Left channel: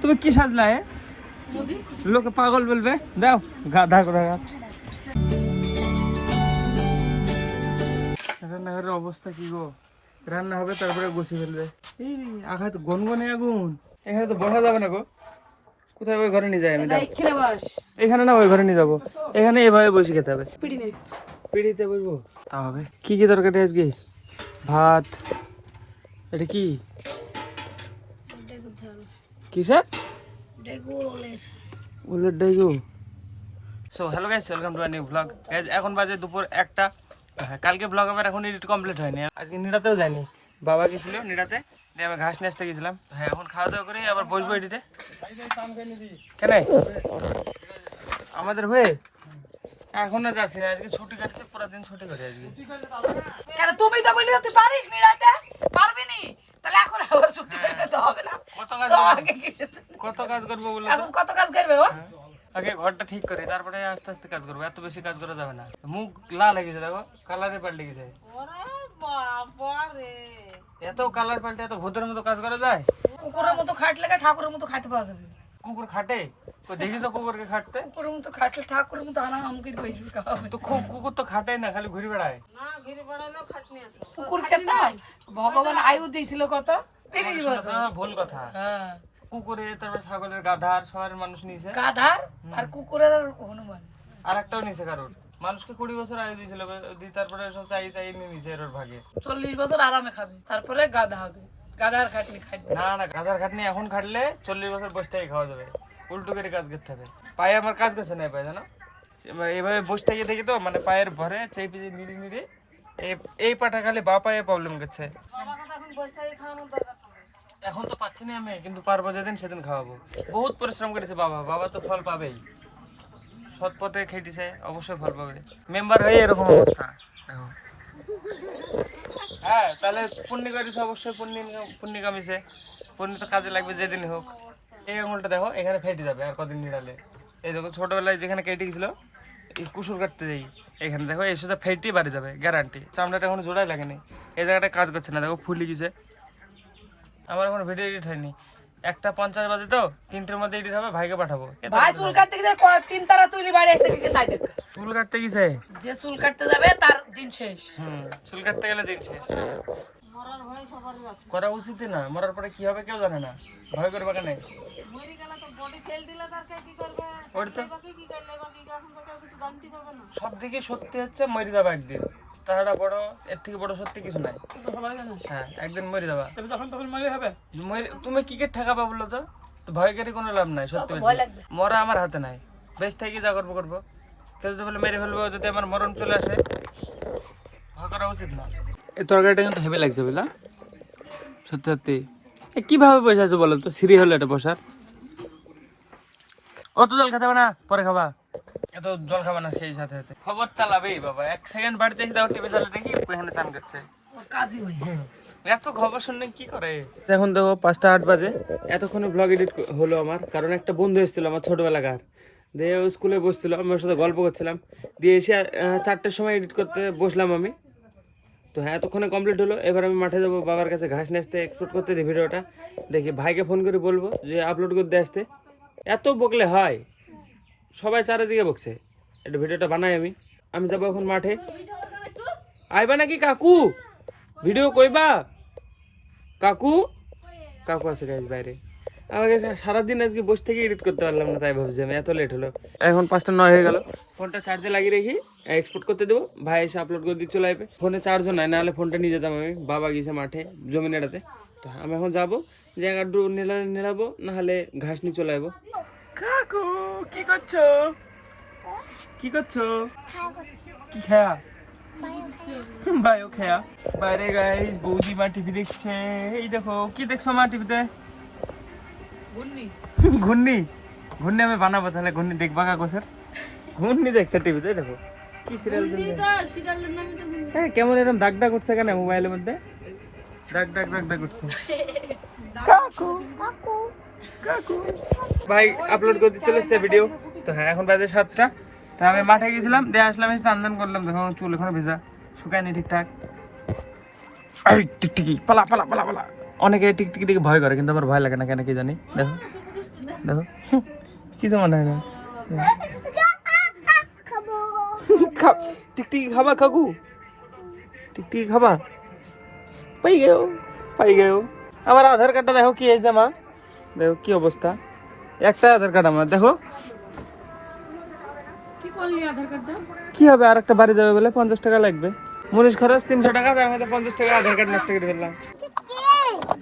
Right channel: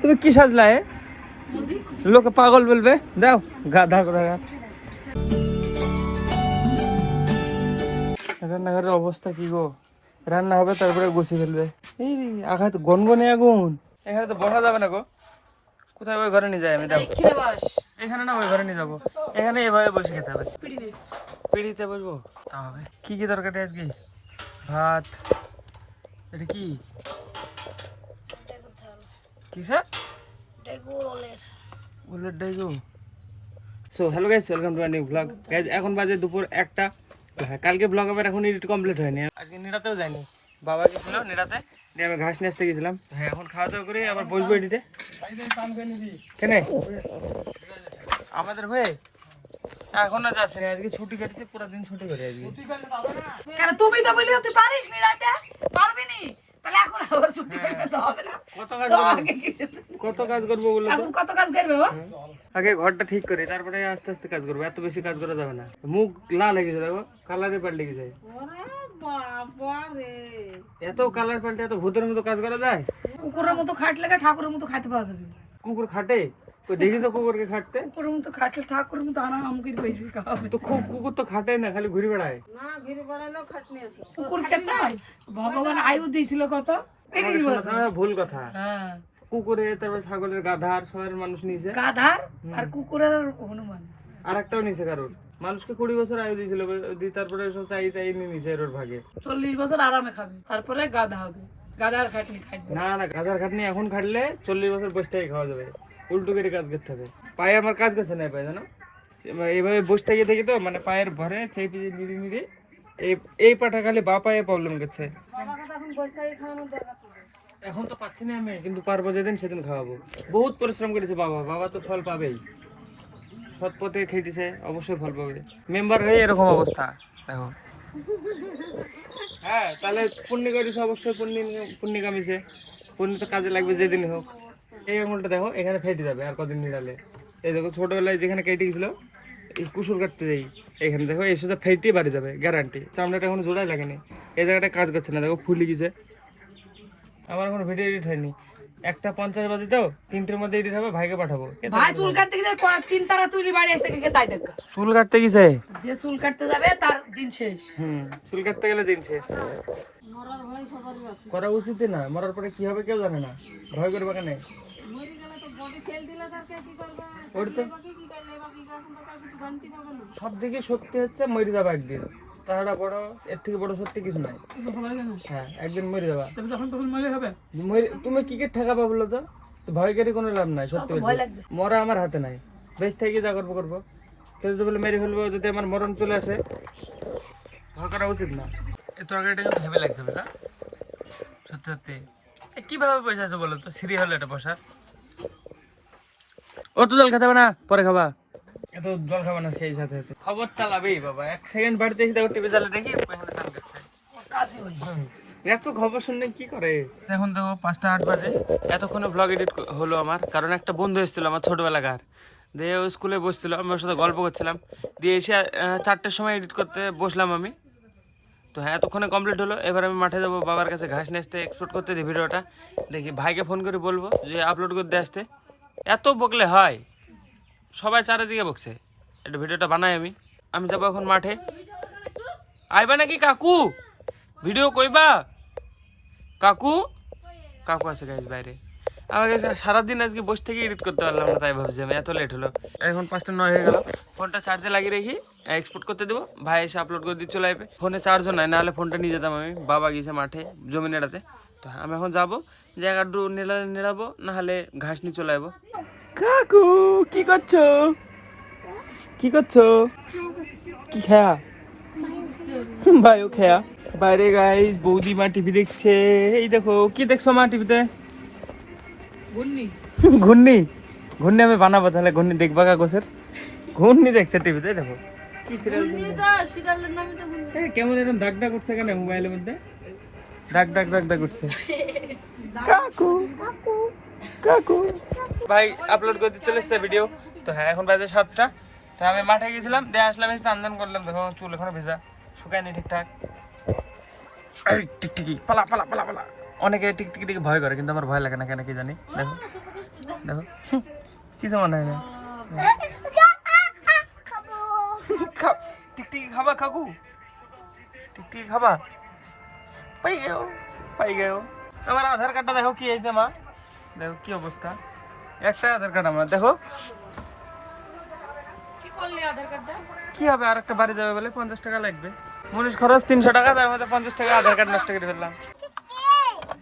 তুমি কি সাজলা হে? লোকে পাগল বলবে। দাও গাধা করে। রান্নাঘরের অবস্থা কি গো? রান্না হবে তারপরে বসে ফেলবে। এই আঘাত গনগনে আগুন, এখানে তো বসা যাবে না গো। কোথায় ওই ঘরে নিয়ে যাই আমি? দাও এখানে না, ওই ঘরে নিয়ে যাবো। এখানে এভাবে বসে খেতে হবে। পিড়িতে বসবো তা হবে। কি কি তরকারি আজকে? ভাত। এটা কি কিসের? উলের Daegu. So hello guys, welcome to my new blog. Guys এখন বাজে দুপুর 1টা। হ্যাঁ, কালকে ব্লগ আবার এখন এডিট কমপ্লিট হয়নি। আজকে নিরাতেও যাইনি, বাবা গেছিল নিরাতে, দিয়ে আমি ঘাস নিয়ে আসতে গেছিলাম। হ্যাঁ, এখন খাওয়া দাওয়া করে আবার বসবো এডিটে। কেন আমাদের হয়ে এখন না যাচ্ছি না, আজকে ছুটি কাটছে, পুরো দিন ছুটি করে আজকে। কেন তুমি তো বলি তুই পারিস নিরাতে, পারবি নি, তাহলে এখন আবার ছুটি করতে হবে না। কত কাজ করবো বলে তো? এখন কত কাজ করবে ও? আগে ঘরটা ঠিক করে তারপরে আস্তে আস্তে কাজ করবো। এত বেশি কাজ করা যাবে না। মুখ লাল হয়ে গেছে, দেখো কালারে পাল্টে গেছে। এত কালার পাল্টে এত ভূতের মতো কাজ করা যায়? কুকুরের মতো খাটলে ঠাকুরের মতো খাইতে পাওয়া যাবে। কুকুর খাটে? ওই দেখি তো কুকুরকে খাটতে। কুকুরের মতো খাটলে ঠাকুরের মতো আনা আমকে বসবি খাওয়াবে। তো কুকুর তো খাটে না, খালি ঘুরে বেড়ায়। না ঘুরে বেড়ালেও খাটনি আছে। কুকুর খেতাই ভগবান আয়ু দিয়েছিল কত। ভুল কথা। হ্যাঁ, কুকুরে, তারপর ছাগলের, গাধার, শহরের মানুষ নিয়েছে। গাধার আর কুকুরের আর হনুমান। আর একটাও নিয়েছে কারোর। মানুষকে 20 বছর আয়ু দিয়েছিল, তারপরে সব চাই নিয়ে নিয়েছে এর ভাগে। 40 বছর আরামে খাবে, তারপরে গাধা হবে। গাধার খাটনি খাটবে না না, গাধার খাটনি এখন খাটলে 40 বছর বসে থেকে খাওয়া যাবে। উল্টো করে কাজ করতে হবে। পায়ে আমার কাজ করছে না, পায়ে জানো এইভাবে বসে থেকে থেকে তো মানে পায়ের ভরে চেপে নিড়ি নিড়ি এই পাটা খালি বা পায়ে প্রবলেম করছে। এখন তো পাচ্ছি না আমি, কিন্তু পারবো যেদিন সেদিন খাওয়াবো। বহুত পরিশ্রম করেছে বাবা, বাবা তো ফল পাবেই। সৎ পথে খেটেছে, অবশ্যই ফল পাবে। মেম্বার হয়ে এরকম অবস্থা দেখো। হ্যাঁ, তাহলে পুণ্য করিস, অবশ্যই পুণ্য কামিছে। পুণ্য তো কাজে লাগবে যেদিন হোক। এই আঙুলটা দেখো এখানে ফেটে যাবে আর কদিন নিড়ালে। এই দেখো ছোটবেলায় যেখানে কেটে গেছিল, কুসুর কাটতে যাই, এখানে দেখো এই সুদ্ধা ফেটে বাড়ি যাবে গ্যারান্টি। চামড়াটা এখন জোড়াই লাগেনি, এই জায়গাটা কাজ করছে না, দেখো ফুলে গেছে। আমার এখন ভিডিও এডিট হয়নি। 1:50 বাজে তো, 3টের মধ্যে এডিট হবে, ভাইকে পাঠাবো। ভাই চুল কাটতে গেছে, 3 তারা তুলি বাড়ি আসতে কে তাই দেখ। চুল কাটতে গেছে? যে চুল কাটতে যাবে তার দিন শেষ। চুল কাটতে গেলে দিন শেষ। করা উচিত না, মরার পরে কি হবে কেউ জানে না, ভয় করবে কেন? সব দিকে সত্যি হচ্ছে মরে যাবে একদিন, তাছাড়া বড় এর থেকে বড় সত্যি কিছু নাই। হ্যাঁ, একদিন মরে যাবা। তুমি কি কে ঠেকাবা বলো তো? ভয় করে কোনো লাভ নাই। সত্যি বলছি, মরা আমার হাতে নাই। বেশ থেকে যা করবো করবো। কেউ যদি বলে মেরে ফেলবো, যদি আমার মরণ চলে আসে, ভয় করা উচিত না। এই তরকারিটা কিন্তু হেভি লাগছে বুঝলা, সত্যি সত্যি। কিভাবে বসে আছো বলো তো? সিঁড়ি হলো এটা বসার। অত জল খেতে হবে না, পরে খাবা। এত জল খাবা না সেই সাথে সাথে খবর চালাবেই বাবা। 1 সেকেন্ড বাড়িতে দেখি, টিভি চালে দেখি ওখানে চান করছে। এত খবর শুনলে কি করে? এখন দেখো 5:08 বাজে। এতক্ষণে ব্লগ এডিট হলো আমার, কারণ একটা বন্ধু এসেছিল আমার ছোটবেলাকার। দিয়ে ও স্কুলে বসছিল, আমি ওর সাথে গল্প করছিলাম। দিয়ে এসে 4টের সময় এডিট করতে বসলাম আমি। তো হ্যাঁ, এতক্ষণে কমপ্লিট হলো। এবার আমি মাঠে যাবো, বাবার কাছে ঘাস নিয়ে আসতে, এক্সপোর্ট করতে দিই ভিডিওটা। দেখি ভাইকে ফোন করে বলবো যে আপলোড করতে আসতে। এত বকলে হয়? সবাই চারিদিকে বকছে, একটু ভিডিওটা বানাই আমি যাবো এখন মাঠে। আইবা নাকি কাকু? ভিডিও কইবা? কাকু কাকু আছে গাইজ বাইরে। আমাকে সারাদিন আজকে বসে থেকে এডিট করতে পারলাম না, তাই ভাবছি আমি। এত লেট হলো। এখন 5:09 হয়ে গেল। ফোনটা চার্জে লাগিয়ে রেখি, এক্সপোর্ট করতে দেবো। ভাই এসে আপলোড করে দিয়ে চলে আসবে। ফোনে চার্জও নাই, নাহলে ফোনটা নিয়ে যেতাম আমি। বাবা গিয়েছে মাঠে জমি নেড়াতে। তো আমি এখন যাবো, জায়গা নেড়াবো, নাহলে ঘাস নিয়ে চলে আসবো। কাকু কি করছো? কি করছো? কি খেয়া? ভাইও খেয়া। বাইরে গাইস বৌদি মা টিভি দেখছে। এই দেখো, কি দেখছো মা টিভিতে? ঘূর্ণি। ঘূর্ণি আমি বানাবো তাহলে। ঘূর্ণি দেখবা কাগজের? ঘূর্ণি দেখছে টিভিতে। দেখো কি সিরিয়াল, কেমন এরকম দাগ দাগ উঠছে কেন মোবাইলের মধ্যে? দাগ দাগ দাগ দাগ উঠছে। কাকু কাকু কাকু। ভাই আপলোড করতে চলে এসছে ভিডিও। তো হ্যাঁ, এখন বাজে 7টা। তো আমি মাঠে গেছিলাম, দিয়ে আসলাম, এসে স্নান করলাম। দেখো চুল এখনো ভিজা, শুকায়নি ঠিকঠাক। টিকটিকি পালা পালা পালা পালা। অনেকে টিকটিকি দেখে ভয় করে, কিন্তু আমার ভয় লাগে না কেন কি জানি। দেখো দেখো কিছু মনে হয় না। টিকটিকি খাবা কাকু? টিকটিকি খাবা? পাই গেও। আমার আধার কার্ডটা দেখো কি হয়েছে মা, দেখো কি অবস্থা। একটা আধার কার্ড আমার, দেখো কি করলি আধার কার্ডটা? কি হবে, আর একটা বাড়ি যাবে বলে 50 টাকা লাগবে, মনীষ খরচ 300 টাকা, তার মধ্যে 50 টাকা আধার কার্ড নষ্ট করে ফেললাম।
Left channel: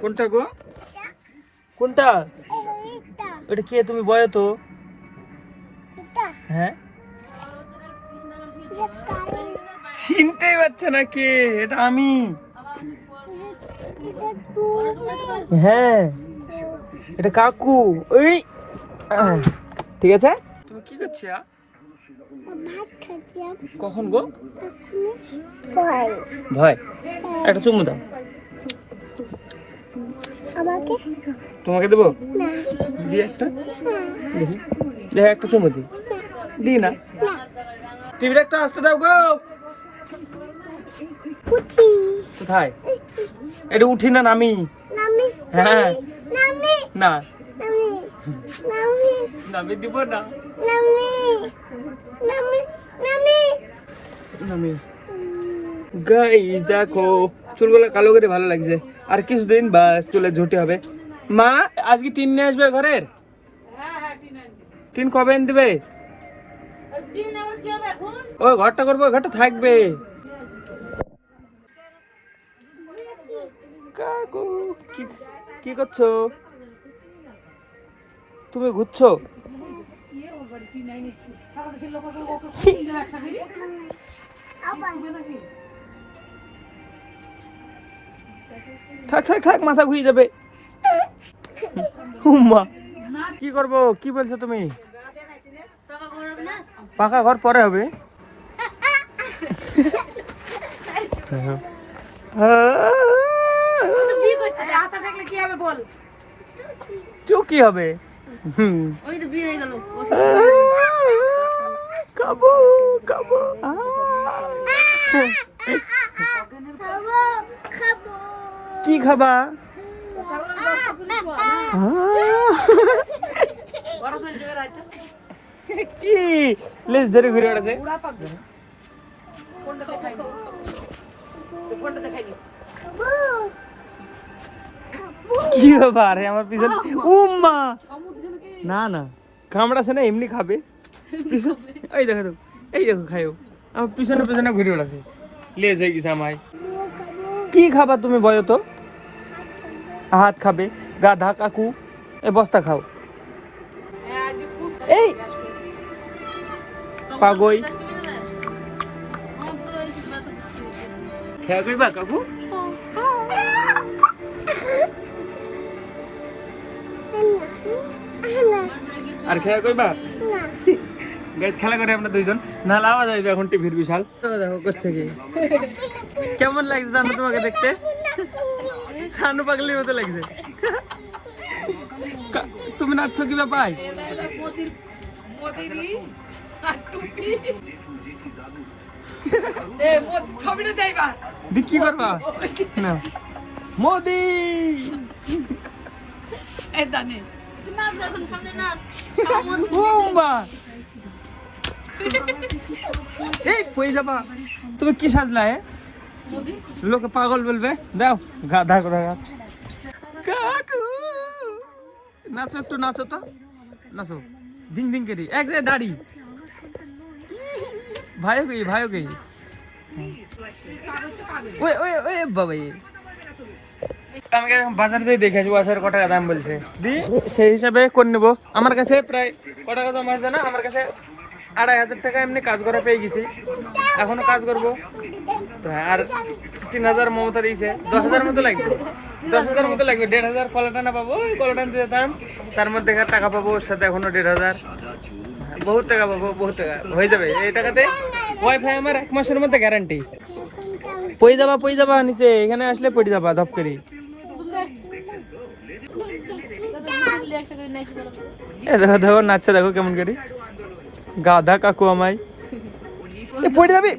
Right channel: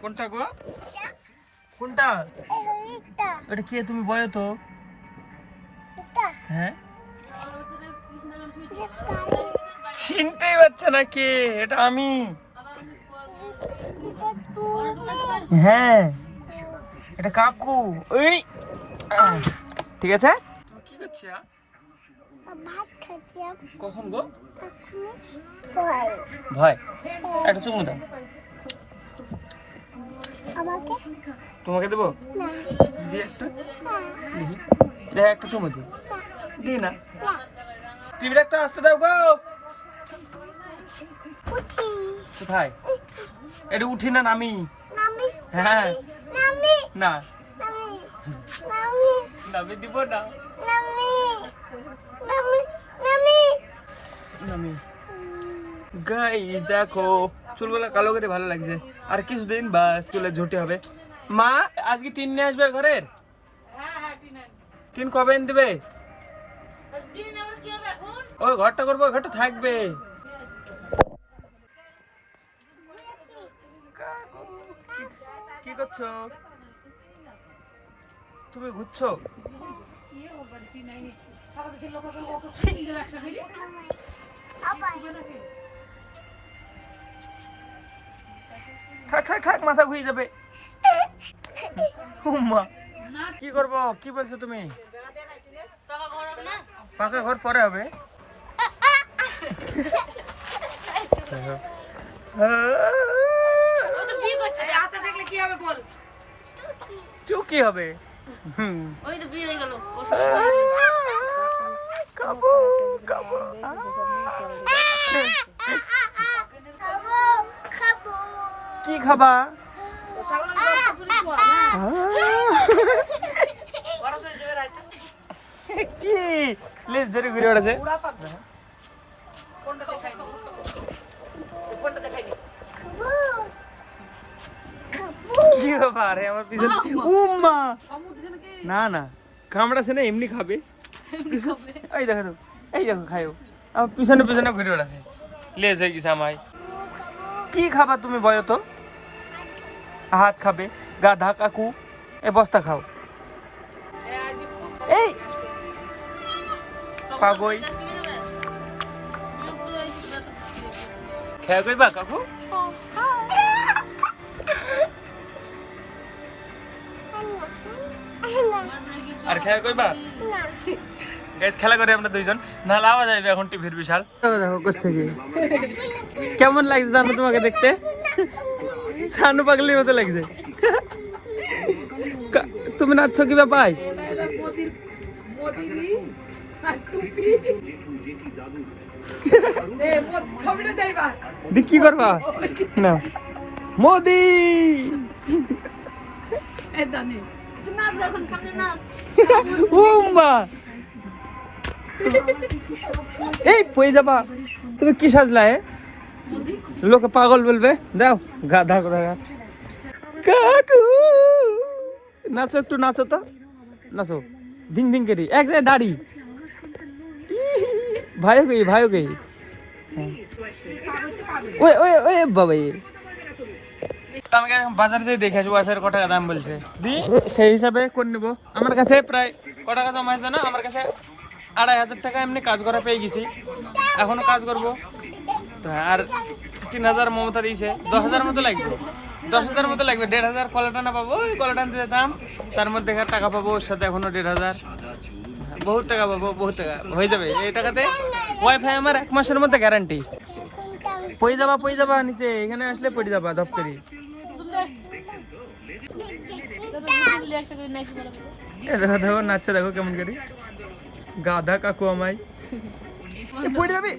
কোনটা গো? কোনটা? এটা কে? তুমি বয় তো। হ্যাঁ, চিনতেই পারছে না কে এটা? আমি। হ্যাঁ, এটা কাকু। ওই ঠিক আছে। তুমি কি করছো? কখন গো? ভয়? একটা চুমু দাও। তোমাকে দেবো? দি একটা, দেখি, দেখো একটা চুমু দি না। টিভিটা একটা আসতে দাও গো। কোথায়? এটা উঠি না নামি? হ্যাঁ, না নামি দিব না। নামি। গাইস দেখো, চুলগুলো কালো করে ভালো লাগছে, আর কিছুদিন বা চুলে ঝুটি হবে। মা আজকে টিন নিয়ে আসবে ঘরের? টিন কবে এনে দেবে? ও ঘরটা করবো, ঘরটা থাকবে। কাকু কি করছো তুমি? ঘুরছো? থাক মাথা ঘুরে যাবে। উম্মা কি করবো? কি বলছো তুমি? পাকা ঘর পরে হবে। কি হবে? খাবো কি খাবা? কি লেজ ধরে ঘুরে বেড়াচ্ছে? কি ব্যাপার আমার পিছনে? উম্মা না কামড়াছে না, এমনি খাবে। এই দেখো খাইও। আমার পিছনে ঘুরে বেড়াচ্ছে, লেজ হয়ে গেছে আমায়। কি খাবা তুমি বলো তো? হাত খাবে? গাধা কাকু, এ বস্তা খাও। এই পাগই খেয়ে কইবা কাকু? আর খেয়া কইবা? গাইস খেলা করে আমরা দুইজন, না লাওয়া যাবে এখন টিভির বিশাল। দেখো করছে কি, কেমন লাগছে জানো তোমাকে দেখতে? ছানু পাগলির মতো লাগছে। তুমি নাচছো কি ব্যাপার? কি করবা না? মোদি এই পয়ে যাবা। তুমি কি সাজলা? লোকে পাগল বলবে। দাও গাধা কাকু, নাচো একটু, নাচো তো, নাচো দিং করি এক জায়গায় দাড়ি। ভাইও গই ওই বাবা। আমাকে বাজার থেকে দেখে আসবো ওয়াইফাই কত টাকা দাম বলছে, দি সেই হিসাবে করে নেবো। আমার কাছে প্রায় কত টাকা দাম আছে না, আমার কাছে 2500 টাকা এমনি কাজ করা পেয়ে গেছি, এখনো কাজ করবো তো। আর 3000 মমতা দিয়েছে, 10,000 মতো লাগবে, 10,000 মতো লাগবে। 1,500 কলা টানা পাবো, ওই কলা টান দিয়ে দিতাম, তার মধ্যে টাকা পাবো, ওর সাথে এখনো 1,500, বহুত টাকা পাবো, বহুত টাকা হয়ে যাবে। এই টাকাতে ওয়াইফাই আমার 1 মাসের মধ্যে গ্যারান্টি। পড়ে যাবা নিচে, এখানে আসলে পড়ে যাবা ধপ করি। দেখো নাচছে, দেখো কেমন করি। গাধা কাকু আমায় পড়ে যাবে।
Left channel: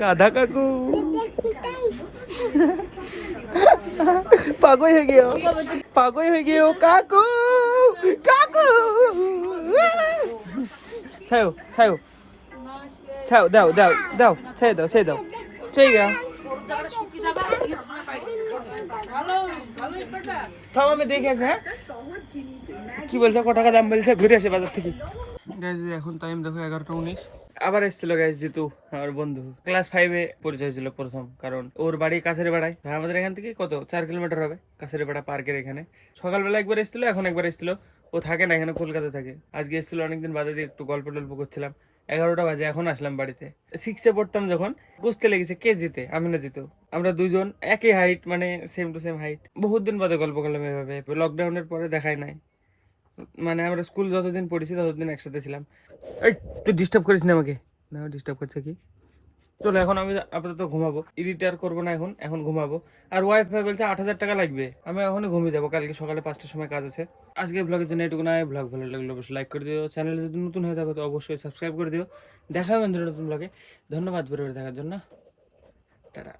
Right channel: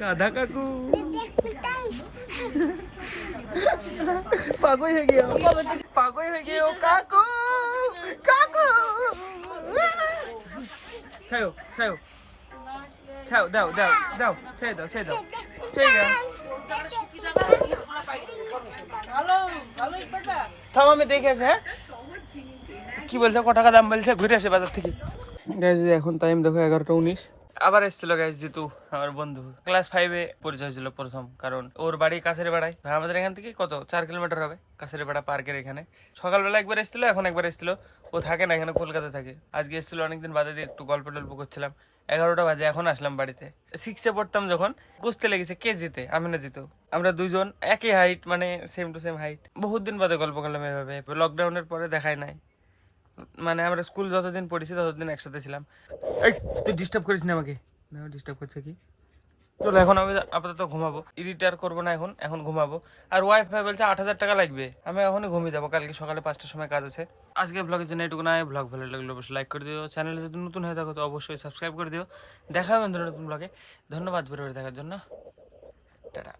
গাধা কাকু পাগল হয়ে গিয়ে কাকু কাকু ছাও ছাও ছাও দাও দাও দাও ছেড়ে দাও ছেড়ে দাও ছেড়ে গা থাম আমি দেখে আসি হ্যাঁ কি বলছে ক টাকা দাম বলছে ঘুরে আসে বাজার থেকে গাইজ এখন টাইম দেখো 11:19 আবার এসেছিল গাইজ জিতু আমার বন্ধু ক্লাস 5-এ পরিচয় হয়েছিল প্রথম কারণ ওর বাড়ি কাছের বেড়ায় আমাদের এখান থেকে কত 4 কিলোমিটার হবে কাছের বেড়া পার্কের এখানে সকালবেলা একবার এসেছিল এখন একবার এসেছিল ও থাকে না এখানে কলকাতা থাকে আজকে এসেছিল অনেকদিন বাদে দিয়ে একটু গল্প টল্প করছিলাম 11টা বাজে এখন আসলাম বাড়িতে 6-এ পড়তাম যখন বুঝতে লেগেছে কে জিতে আমি না জিতু আমরা দুজন একই হাইট মানে সেম টু সেম হাইট বহুত দিন বাদে গল্প করলাম এভাবে লকডাউনের পরে দেখাই নাই মানে আমরা স্কুল যতদিন পড়েছি ততদিন একসাথে ছিলাম এই তুই ডিস্টার্ব করিস না আমাকে না ডিস্টার্ব করছে কি চলো এখন আমি আপাতত ঘুমাবো এডিটার করবো না এখন ঘুমাবো আর ওয়াইফাই বলছে 8,000 টাকা লাগবে আমি এখনই ঘুমিয়ে যাবো কালকে সকালে 5টার সময় কাজ আছে আজকে ব্লগের জন্য এটুকু না ব্লগ ভালো লাগলে অবশ্যই লাইক করে দিও চ্যানেলে যদি নতুন হয়ে থাকো তো অবশ্যই সাবস্ক্রাইব করে দিও দেখা হবে নতুন ব্লগে ধন্যবাদ পরিবার দেখার জন্য টাটা